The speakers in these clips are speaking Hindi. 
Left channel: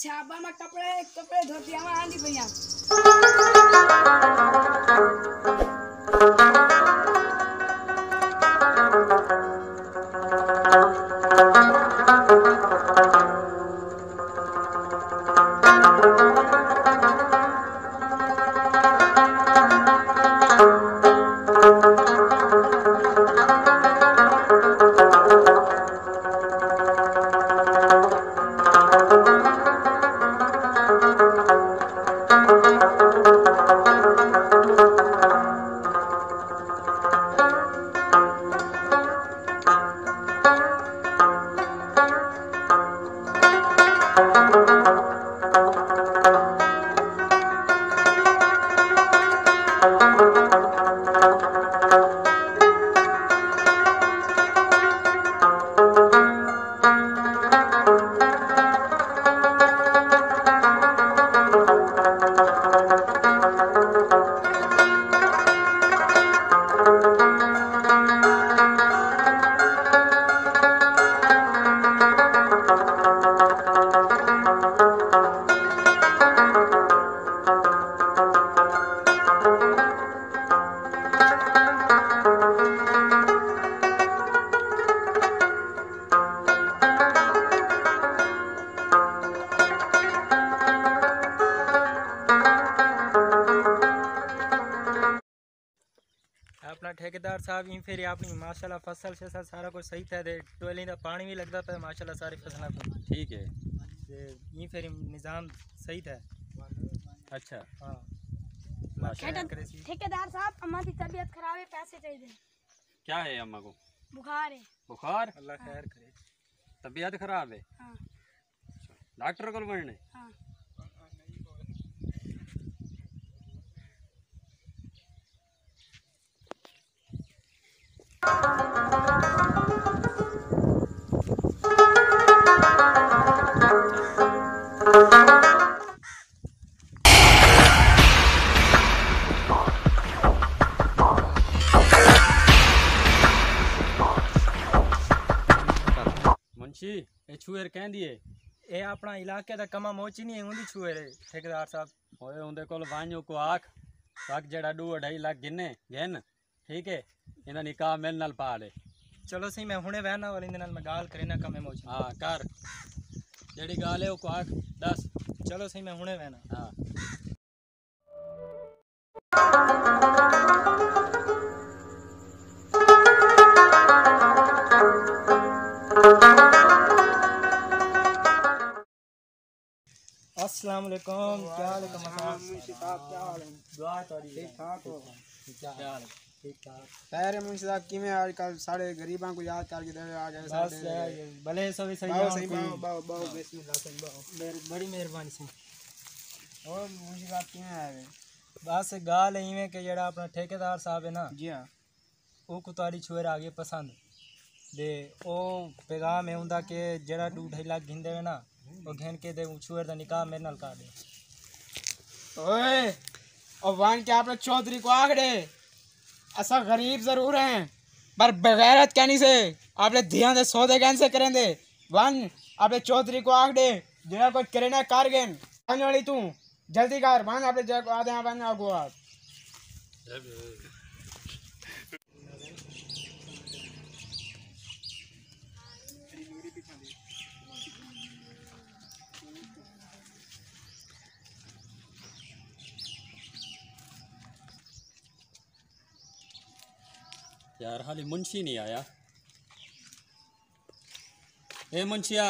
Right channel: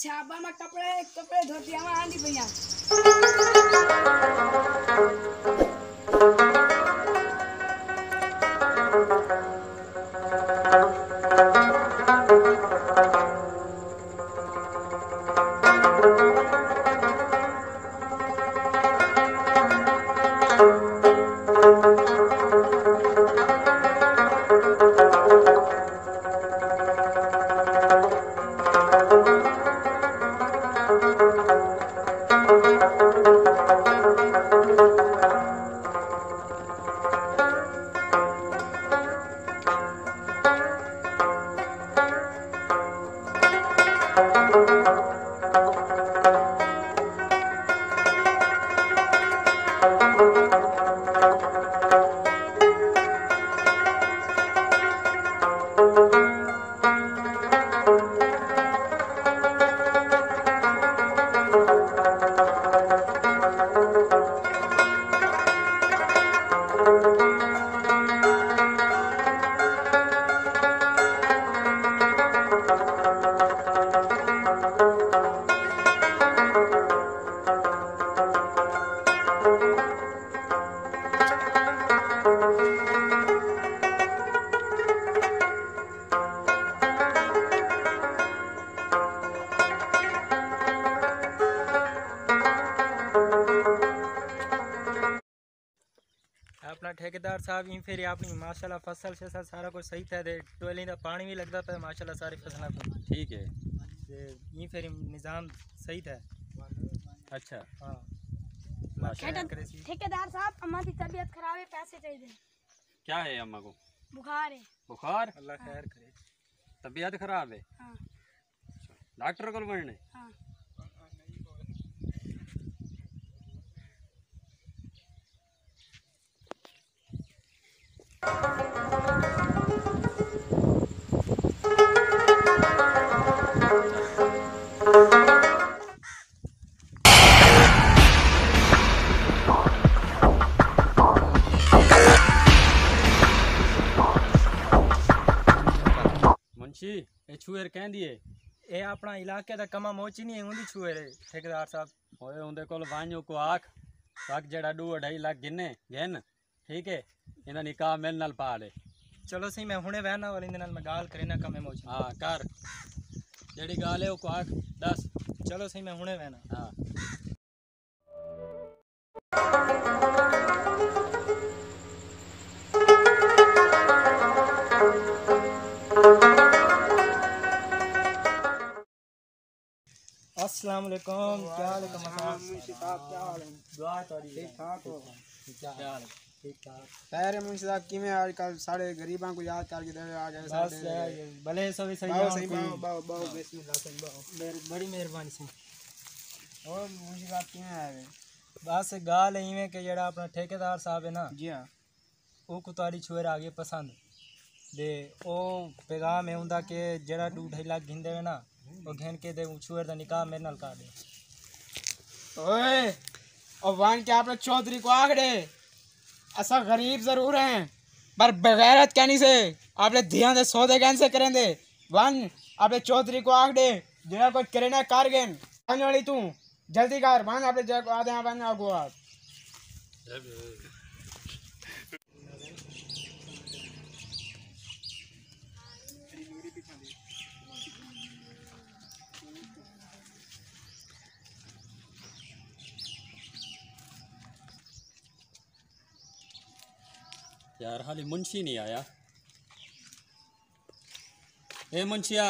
अच्छा अब मैं कपड़े कपड़े धोती हूँ आंधी भैया। अपना ठेकेदार साहब इन फिर अपनी माशाल्लाह फसल से सारा कुछ सही था दे टोली का पानी भी लगता था माशाल्लाह सारी फसलों को ठीक है ये फिर निज़ाम सही था। अच्छा हाँ ठेकेदार साहब अम्मा की तबीयत खराब है, पैसे चाहिए। क्या है अम्मा को? बुखार है। बुखार? अल्लाह खैर करे। तबीयत खराब है? हाँ। डॉक्टर को बढ़ने? हाँ। मुंशी ये छुएर कह दिए ये अपना इलाके का कमा मोची नहीं है छुए रे ठेकेदार साहब होए उनके कोल वांजो को आख जड़ा 2-2.5 लाख गिने घेन ठीक है इन्हें निकाह मेरे नाल पा ले। चलो सही मैं हुणे वहना वाली नाल मैं गाल करे ना कमे मोची। हाँ कर जड़ी गाल है वो को आख 10। चलो सही मैं हुणे वहना। हाँ अस्सलाम वालेकुम। क्या हाल है मुंशी साहब? क्या हाल है? दुआ तोड़ी ठीक ठाक हो? क्या हाल है? ठीक ठाक। खैर है मुंशी साहब किमें आजकल सारे गरीबां को याद करके दे आ गए बस भले सभी सही बाओ है सही कोई- बाओ बाओ बिस्मिल्लाह सही बाओ। बड़ी मेहरबानी सी। और मुंशी साहब किमें आए वे? बस गाल इवें कि जड़ा अपना ठेकेदार साहब है ना जी हाँ वो कुतारी छुएर आ गए पसंद दे ओ पैगाम है उनका कि जड़ा 2-2.5 लाख गिन देवे ना वो घेन के दे छुएर दा निकाह मेरे नाल कर दे। ओए और वान के आपने चौधरी को आखड़े ऐसा गरीब जरूर हैं पर बगैरत कहनी से आपने ध्यान से सौदे कैसे करें दे वान आपने चौधरी को आखड़े जिना कुछ करे ना कार गेन आने वाली तू जल्दी कर वान आपने जग आधे यहाँ बन आगो आप यार हाली मुंशी नहीं आया। ए मुंशिया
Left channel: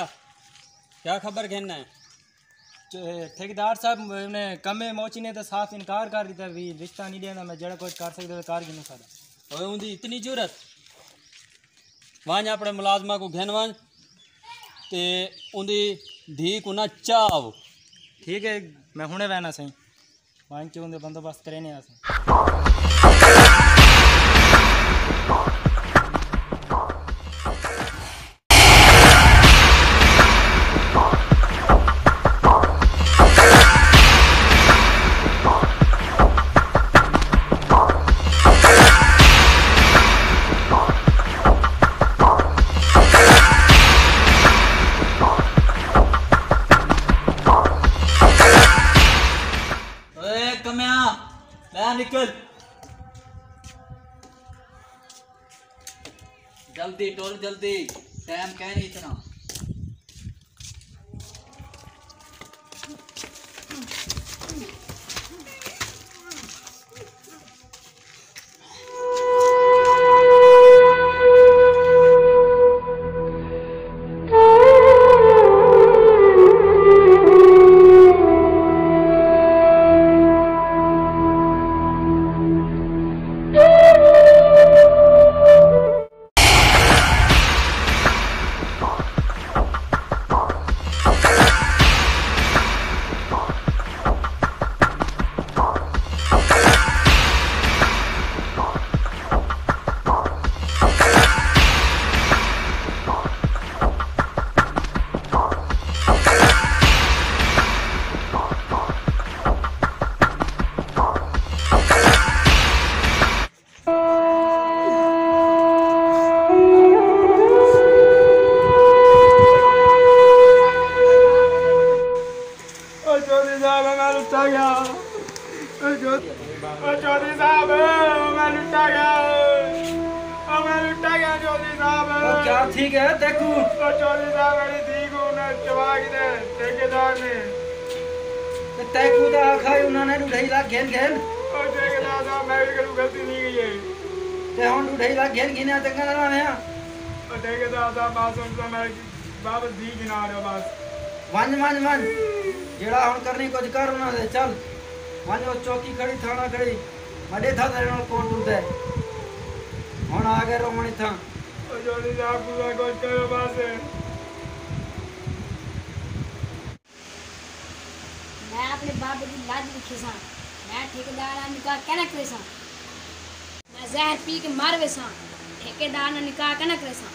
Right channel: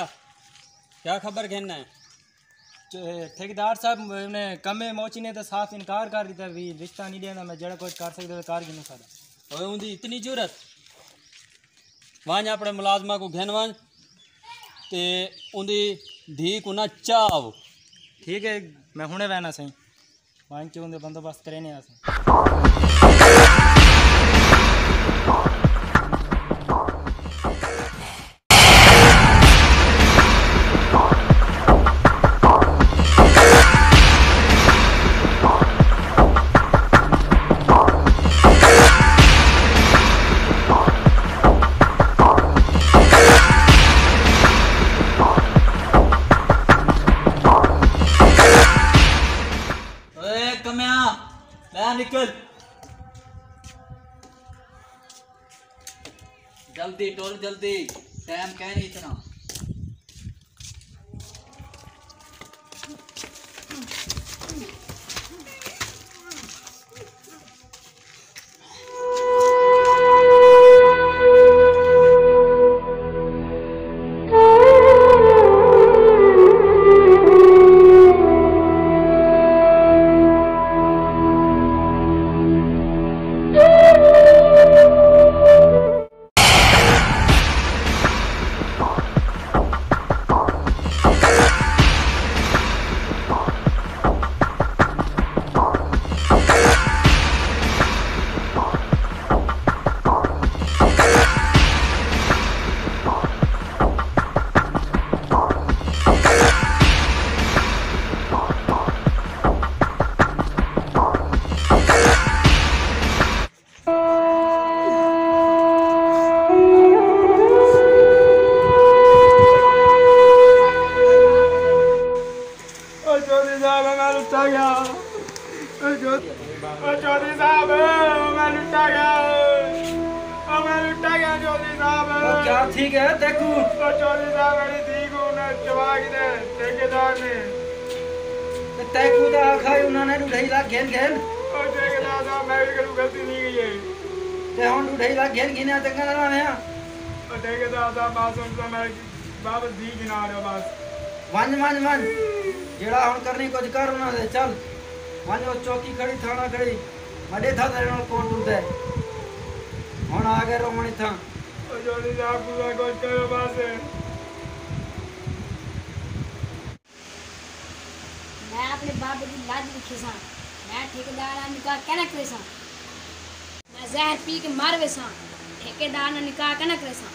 क्या खबर कहना है? ठेकेदार साहब ने कमे मोची ने तो साफ इनकार कर दिया भी रिश्ता नहीं देना मैं जड़ा कुछ कर सकता कार गिनू सारा। ओए उनकी इतनी जरूरत वांज अपने मुलाजमा को घेन वांज ते उनकी धी को ना चाव। ठीक है मैं हुणे वहना सही वहाँ के उनके बंदोबस्त करे नहीं आसे। निकल जल्दी टोल जल्दी टाइम क्या नहीं इतना चौधरी साहब मैं लुटा गया चौधरी साहब क्या ठीक है देखू चौधरी साहब मेरी धी को चबा के ठेकेदार ने देखू तो आखा उन्होंने ढाई लाख घेन घेन ठेकेदार साहब मैं भी करूँ गलती नहीं गई है ते हम 2.5 लाख घेन गिने चंगा ना है ठेकेदार साहब बात सुन मैं वापस धी गिना रहे बस मन जेड़ा हम करनी कुछ कर उन्होंने दे चल मन वो चौकी खड़ी थाना खड़ी मडे था तेरे नाल कौन टूटदा है हुन आ गए रोमणी था चौधरी साहब पूरा कुछ करो बस मैं अपने बाप की लाज लिखी सा मैं ठेकेदार निकाह कहना करे सा मैं जहर पी के मारवे सा ठेकेदार ने निकाह कहना करे सा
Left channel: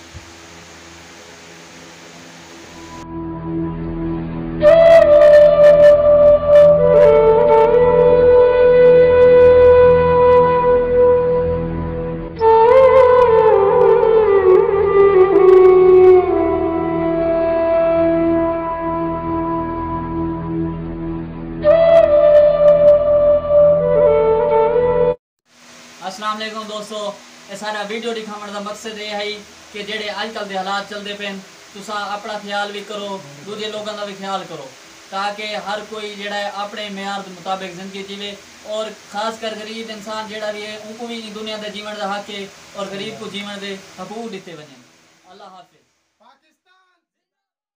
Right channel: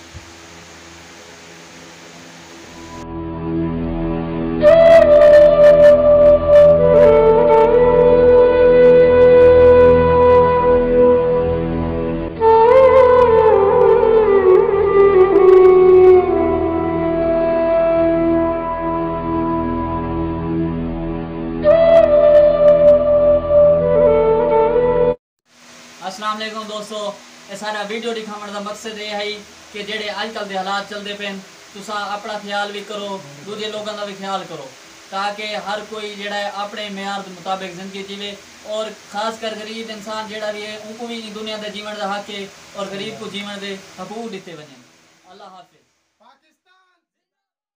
अस्सलाम वालेकुम दोस्तों ये सारा वीडियो दिखाने का मकसद ये है कि जेडे आजकल के हालात चलते पे तुसा अपना ख्याल भी करो दूजे लोगों का भी ख्याल करो ताकि हर कोई जेड़ा है अपने म्यार के मुताबिक जिंदगी जीवे और खास कर गरीब इंसान जेड़ा भी है उनको भी दुनिया के जीवन का हक है और गरीब को जीवन के हकूक दिते वने। अल्लाह हाफिज।